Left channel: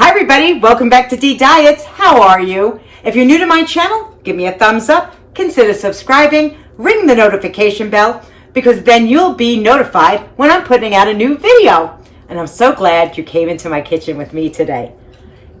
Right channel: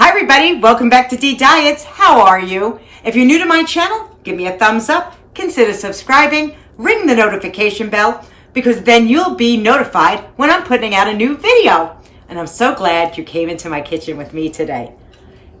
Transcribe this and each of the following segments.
Hi everybody, welcome back to deediets. How are you? If you're new to my channel, give me a thumbs up, consider subscribing, ring the notification bell, because then you'll be notified when I'm putting out a new video. And I'm so glad you came into my kitchen with me today.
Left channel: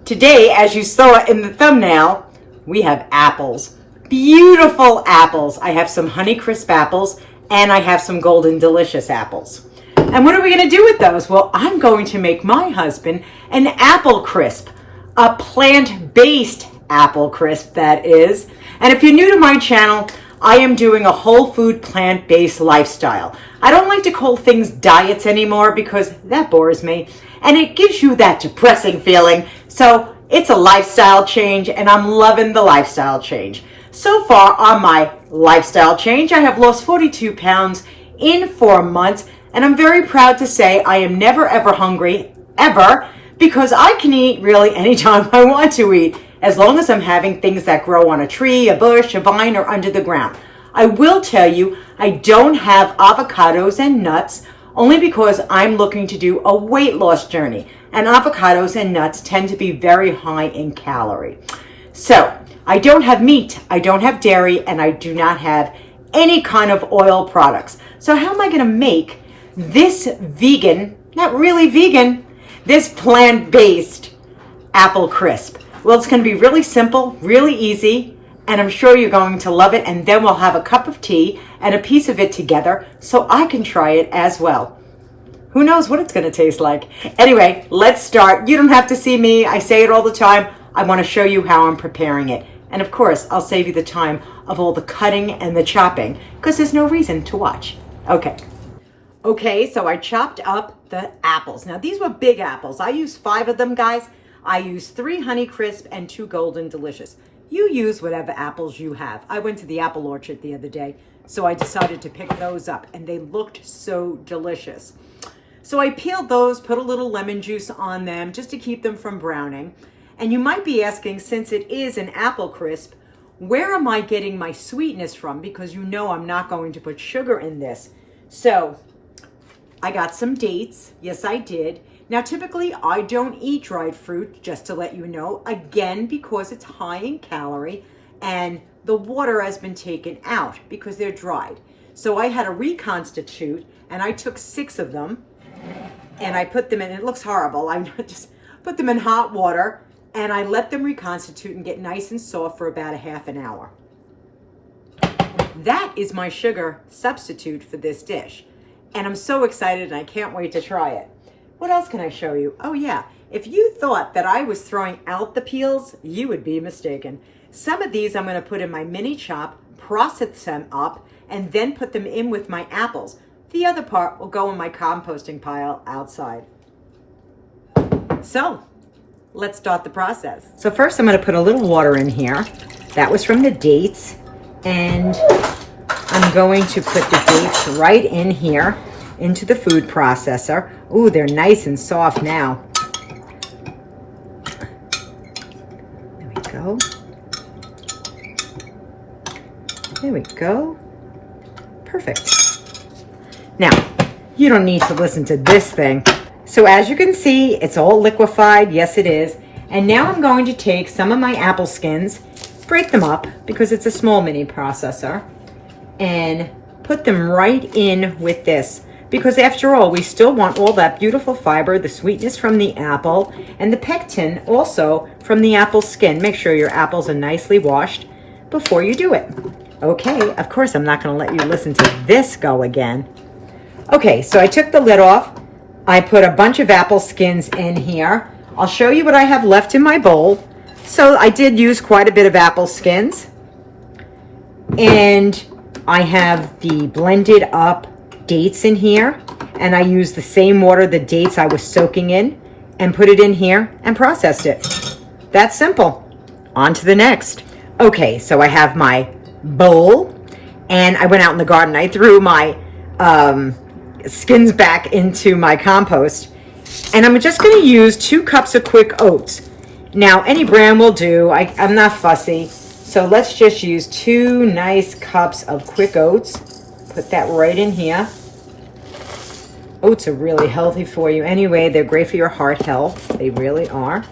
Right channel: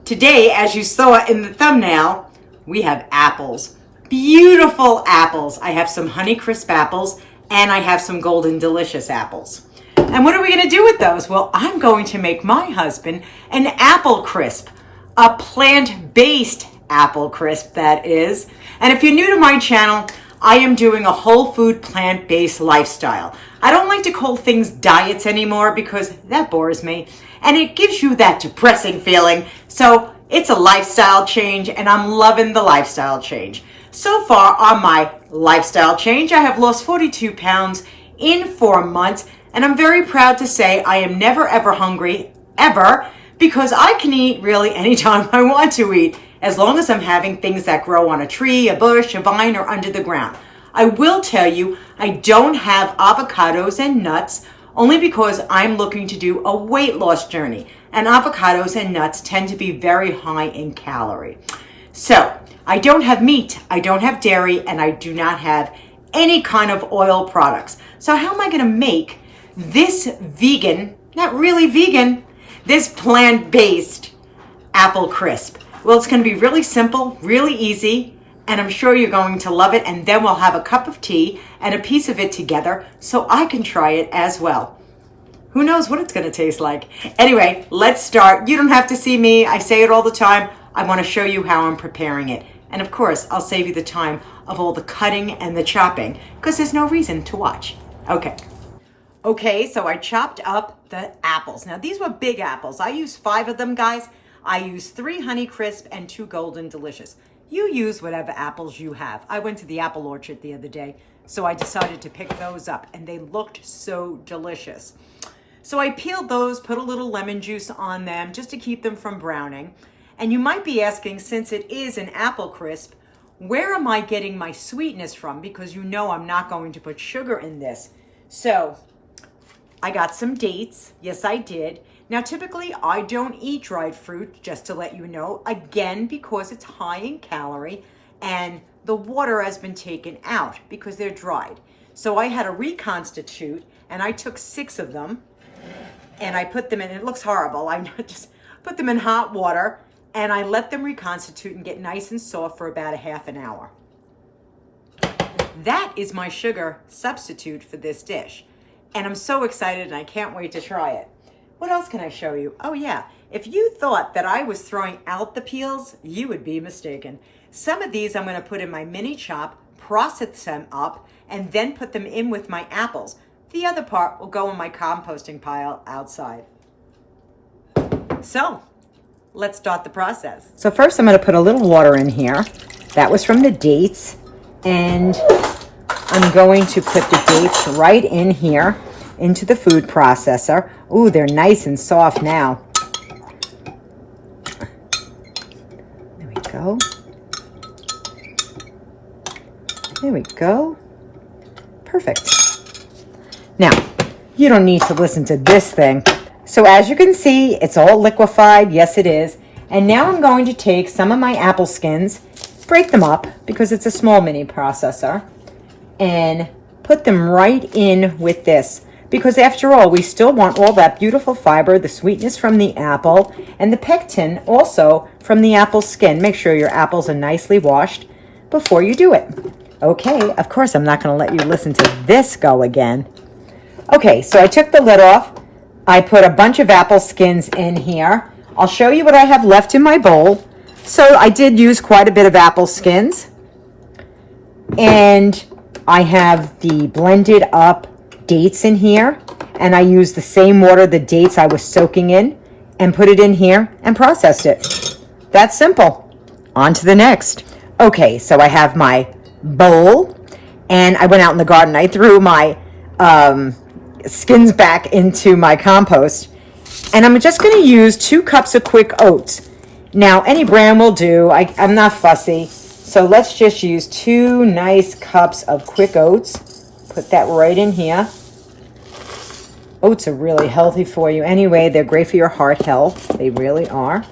Today, as you saw in the thumbnail, we have apples. Beautiful apples. I have some Honeycrisp apples and I have some Golden Delicious apples. And what are we going to do with those? Well, I'm going to make my husband an apple crisp, a plant-based apple crisp, that is. And if you're new to my channel, I am doing a whole food plant-based lifestyle. I don't like to call things diets anymore because that bores me. And it gives you that depressing feeling. So it's a lifestyle change and I'm loving the lifestyle change. So far on my lifestyle change, I have lost 42 pounds in 4 months. And I'm very proud to say I am never ever hungry, ever, because I can eat really anytime I want to eat, as long as I'm having things that grow on a tree, a bush, a vine, or under the ground. I will tell you, I don't have avocados and nuts, only because I'm looking to do a weight loss journey. And avocados and nuts tend to be very high in calorie. So, I don't have meat, I don't have dairy, and I do not have any kind of oil products. So how am I going to make this vegan, not really vegan, this plant-based apple crisp? Well, it's going to be really simple, really easy, and I'm sure you're going to love it. And then we'll have a cup of tea and a piece of it together so I can try it as well. Who knows what it's going to taste like? Anyway, let's start. You don't have to see me. I say it all the time. I want to show you how I'm preparing it. And of course, I'll save you the time of all the cutting and the chopping because there's no reason to watch. Okay, so I chopped up the apples. Now, these were big apples. I used 5 of them, guys. I used 3 Honeycrisp and 2 Golden Delicious. You use whatever apples you have. I went to the apple orchard the other day, so I decided to pick those up, and they looked so delicious. So I peeled those, put a little lemon juice on them just to keep them from browning. And you might be asking, since it is an apple crisp, where am I getting my sweetness from? Because you know I'm not going to put sugar in this. So I got some dates. Yes, I did. Now, typically, I don't eat dried fruit, just to let you know, again, because it's high in calorie and the water has been taken out because they're dried. So I had to reconstitute, and I took 6 of them and I put them in, it looks horrible. I just put them in hot water and I let them reconstitute and get nice and soft for about a half an hour. That is my sugar substitute for this dish. And I'm so excited and I can't wait to try it. What else can I show you? Oh yeah, if you thought that I was throwing out the peels, you would be mistaken. Some of these I'm going to put in my mini chop, process them up, and then put them in with my apples. The other part will go in my composting pile outside. So, let's start the process. So first I'm going to put a little water in here. That was from the dates. And I'm going to put the dates right in here into the food processor. Ooh, they're nice and soft now. There we go. There we go. Perfect. Now, you don't need to listen to this thing. So as you can see, it's all liquefied. Yes, it is. And now I'm going to take some of my apple skins, break them up because it's a small mini processor, and put them right in with this. Because after all, we still want all that beautiful fiber, the sweetness from the apple, and the pectin also from the apple skin. Make sure your apples are nicely washed before you do it. Okay, of course, I'm not going to let you listen to this go again. Okay, so I took the lid off. I put a bunch of apple skins in here. I'll show you what I have left in my bowl. So I did use quite a bit of apple skins. And I have the blended up dates in here. And I used the same water the dates I was soaking in and put it in here and processed it. That's simple. On to the next. Okay, so I have my bowl. And I went out in the garden. I threw my skins back into my compost, and I'm just going to use 2 cups of quick oats. Now, any brand will do. I'm not fussy, so let's just use 2 nice cups of quick oats. Put that right in here. Oats are really healthy for you anyway. They're great for your heart health. They really are.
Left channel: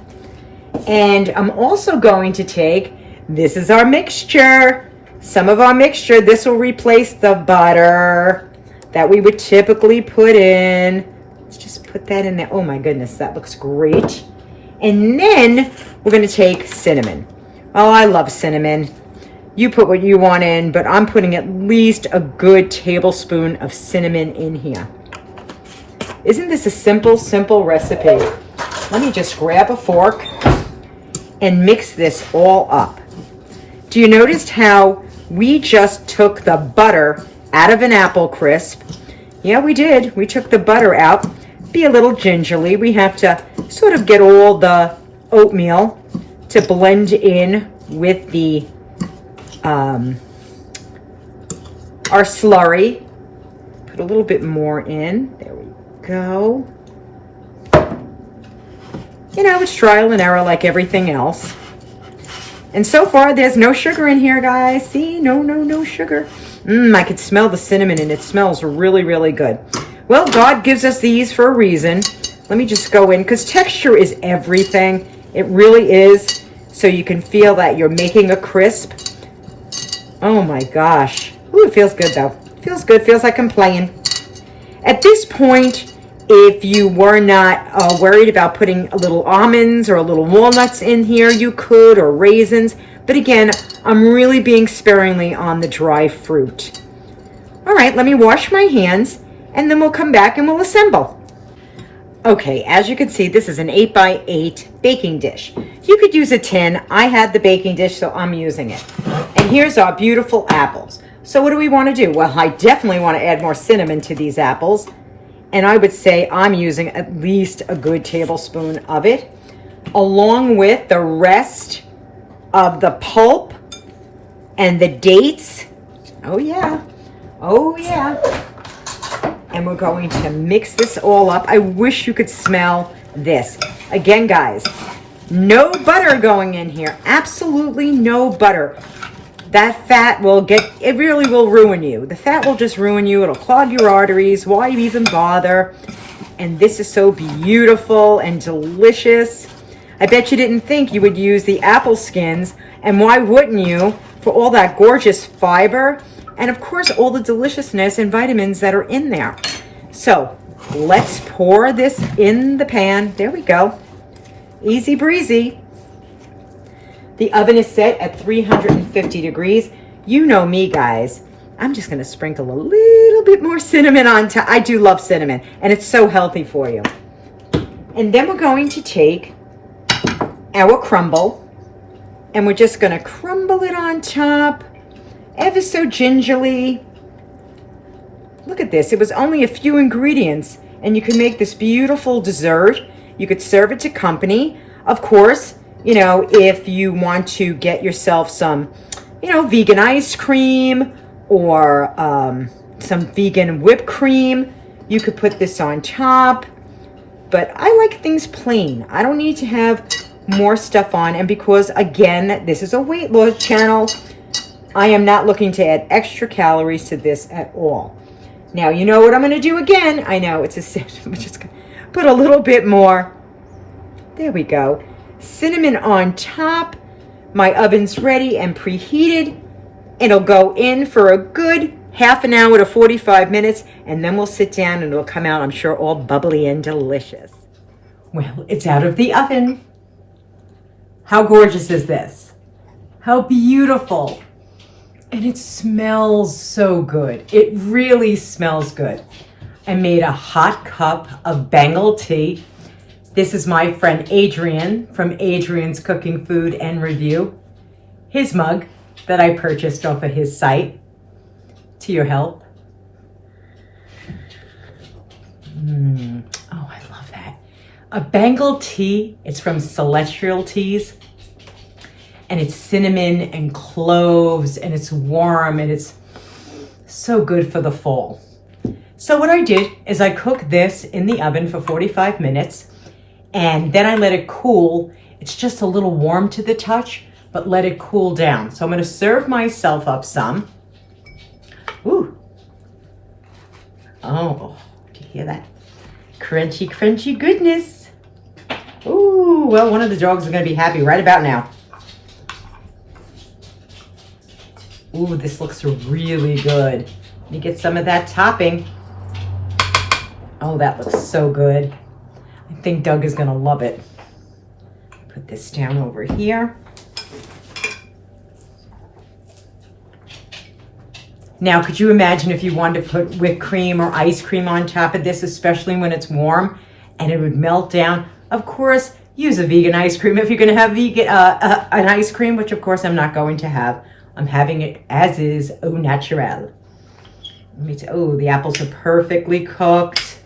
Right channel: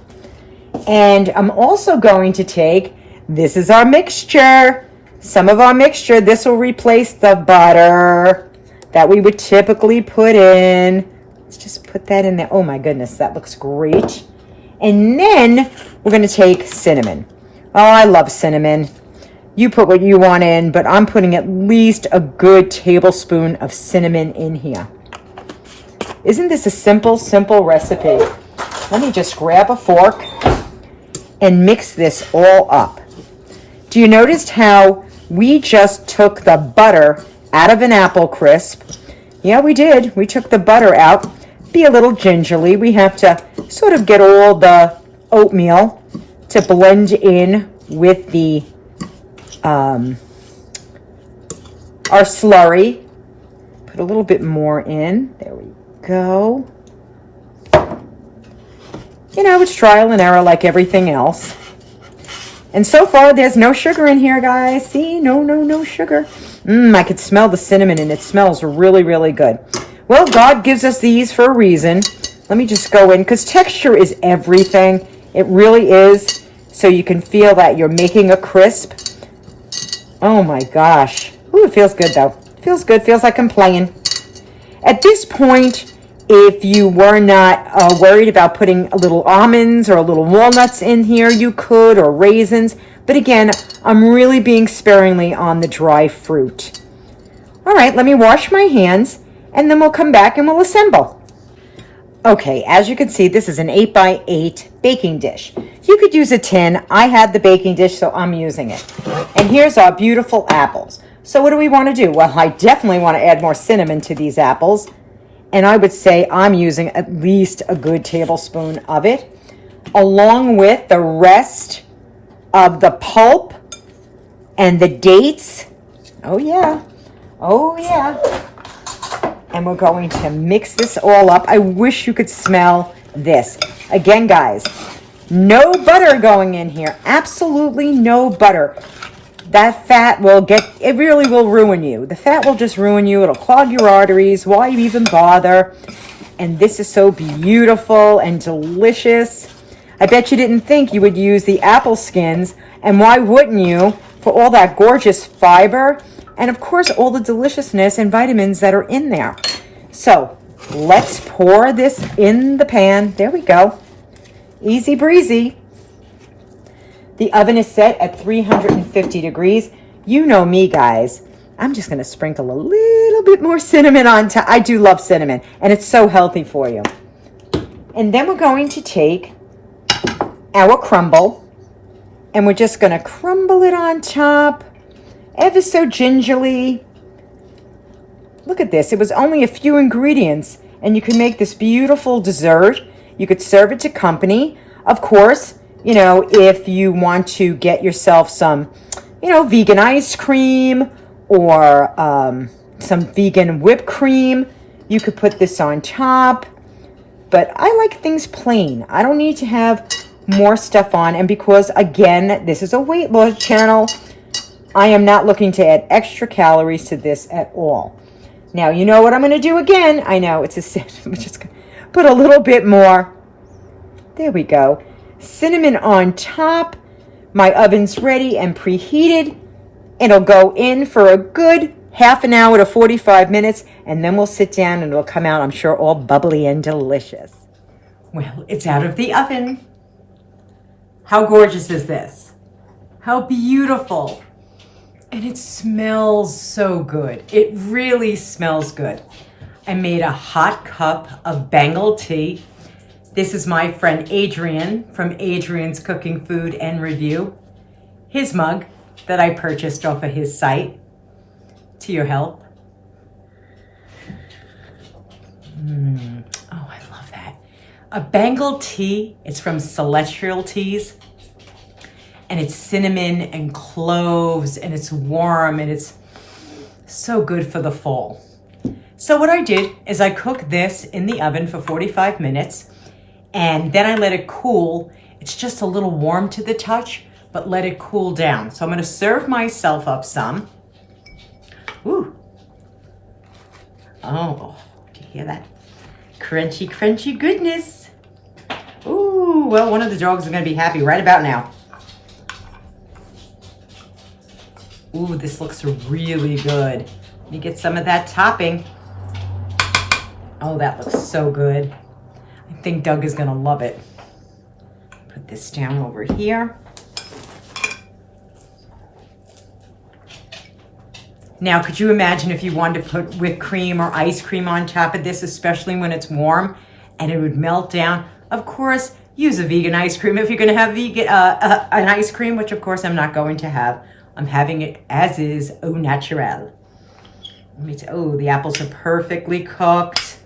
And I'm also going to take, this is our mixture, some of our mixture. This will replace the butter that we would typically put in. Let's just put that in there. Oh my goodness, that looks great. And then we're going to take cinnamon. Oh, I love cinnamon. You put what you want in, but I'm putting at least a good tablespoon of cinnamon in here. Isn't this a simple, simple recipe? Let me just grab a fork and mix this all up. Do you notice how we just took the butter out of an apple crisp? Yeah, we did. We took the butter out. Be a little gingerly. We have to sort of get all the oatmeal to blend in with the our slurry. Put a little bit more in. There we go. You know, it's trial and error like everything else. And so far, there's no sugar in here, guys. See? No sugar. I could smell the cinnamon, and it smells really, really good. Well, God gives us these for a reason. Let me just go in, because texture is everything. It really is. So you can feel that you're making a crisp. Oh, my gosh. Ooh, it feels good, though. Feels good. Feels like I'm playing. At this point, if you were not worried about putting a little almonds or a little walnuts in here, you could, or raisins. But again, I'm really being sparingly on the dry fruit. All right, let me wash my hands, and then we'll come back and we'll assemble. Okay, as you can see, this is an 8x8 baking dish. You could use a tin. I had the baking dish, so I'm using it. And here's our beautiful apples. So what do we want to do? Well, I definitely want to add more cinnamon to these apples. And I would say I'm using at least a good tablespoon of it, along with the rest of the pulp and the dates. Oh yeah. And we're going to mix this all up. I wish you could smell this. Again, guys, no butter going in here. Absolutely no butter. That fat it really will ruin you. The fat will just ruin you. It'll clog your arteries. Why even bother? And this is so beautiful and delicious. I bet you didn't think you would use the apple skins. And why wouldn't you? For all that gorgeous fiber. And of course, all the deliciousness and vitamins that are in there. So let's pour this in the pan. There we go. Easy breezy. The oven is set at 350 degrees. You know me, guys. I'm just going to sprinkle a little bit more cinnamon on top. I do love cinnamon, and it's so healthy for you. And then we're going to take our crumble, and we're just going to crumble it on top, ever so gingerly. Look at this. It was only a few ingredients, and you can make this beautiful dessert. You could serve it to company. Of course, you know, if you want to get yourself some, you know, vegan ice cream or some vegan whipped cream, you could put this on top. But I like things plain. I don't need to have more stuff on. And because, again, this is a weight loss channel, I am not looking to add extra calories to this at all. Now, you know what I'm going to do again? I know, it's a I'm just going to put a little bit more. There we go. Cinnamon on top. My oven's ready and preheated. It'll go in for a good half an hour to 45 minutes, and then we'll sit down and it'll come out, I'm sure, all bubbly and delicious. Well, it's out of the oven. How gorgeous is this? How beautiful. And it smells so good. It really smells good. I made a hot cup of Bengal tea. This is my friend Adrian from Adrian's Cooking Food and Review. His mug that I purchased off of his site. To your help. Oh, I love that. A Bengal tea. It's from Celestial Teas. And it's cinnamon and cloves, and it's warm, and it's so good for the fall. So what I did is I cooked this in the oven for 45 minutes, and then I let it cool. It's just a little warm to the touch, but let it cool down. So I'm going to serve myself up some. Ooh. Oh, do you hear that? Crunchy, crunchy goodness. Ooh. Ooh, well, one of the dogs is going to be happy right about now. Ooh, this looks really good. Let me get some of that topping. Oh, that looks so good. I think Doug is going to love it. Put this down over here. Now, could you imagine if you wanted to put whipped cream or ice cream on top of this, especially when it's warm, and it would melt down? Of course, use a vegan ice cream if you're going to have vegan an ice cream, which of course I'm not going to have. I'm having it as is, au naturel. Let me oh, the apples are perfectly cooked.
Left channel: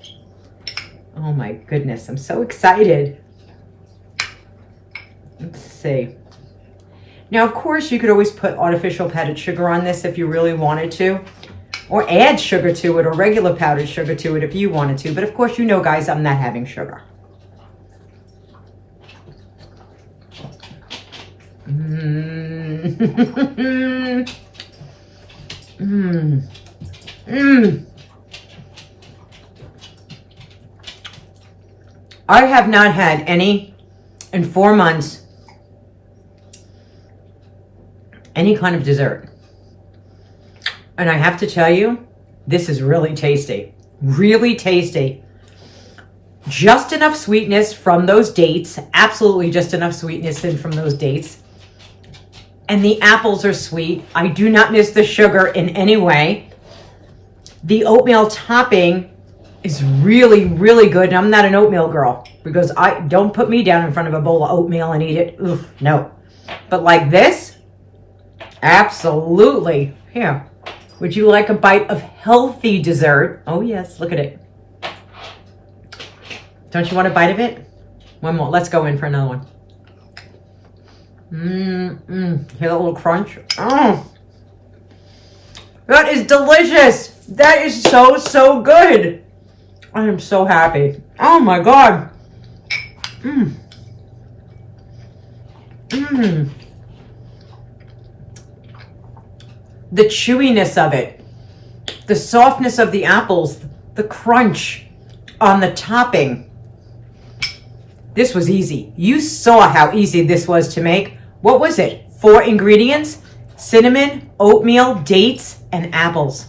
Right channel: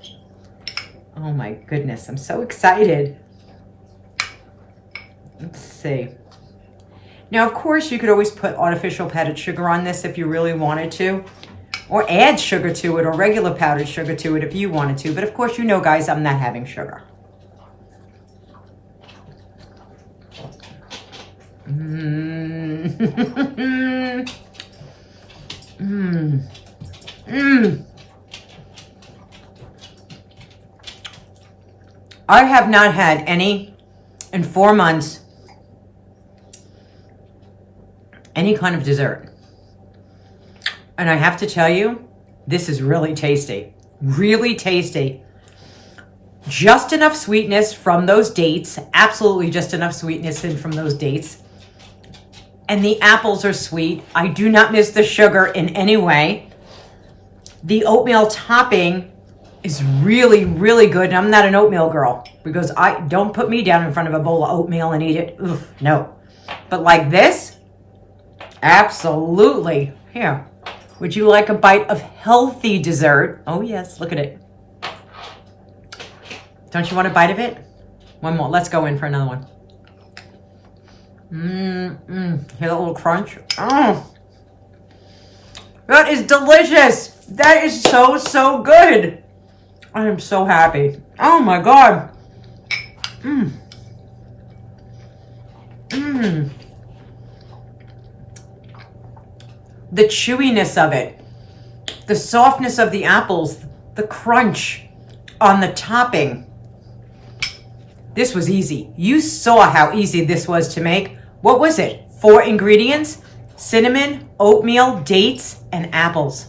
Oh my goodness, I'm so excited. Let's see. Now, of course, you could always put artificial powdered sugar on this if you really wanted to, or add sugar to it, or regular powdered sugar to it if you wanted to. But of course, you know, guys, I'm not having sugar. I have not had any in 4 months, any kind of dessert. And I have to tell you, this is really tasty. Really tasty. Just enough sweetness from those dates. Absolutely just enough sweetness in from those dates. And the apples are sweet. I do not miss the sugar in any way. The oatmeal topping is really, really good. And I'm not an oatmeal girl, because I don't put me down in front of a bowl of oatmeal and eat it. Oof, no. But like this, absolutely. Here, would you like a bite of healthy dessert? Oh yes, look at it. Don't you want a bite of it? One more. Let's go in for another one. Hear that little crunch? Oh, that is delicious. That is so, so good. I am so happy. Oh my God. The chewiness of it, the softness of the apples, the crunch on the topping. This was easy. You saw how easy this was to make. What was it? 4 ingredients: cinnamon, oatmeal, dates, and apples.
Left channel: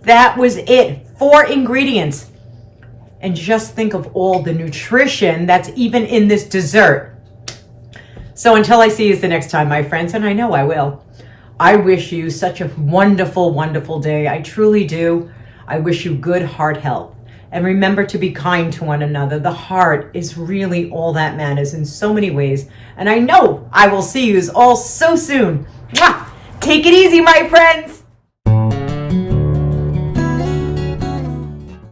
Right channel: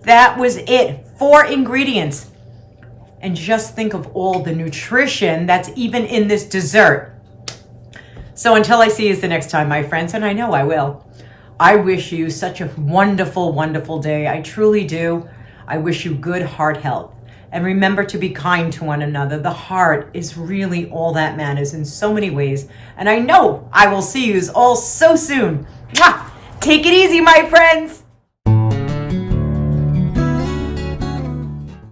That was it. 4 ingredients. And just think of all the nutrition that's even in this dessert. So until I see you the next time, my friends, and I know I will, I wish you such a wonderful, wonderful day. I truly do. I wish you good heart health. And remember to be kind to one another. The heart is really all that matters in so many ways. And I know I will see you all so soon. Mwah! Take it easy, my friends.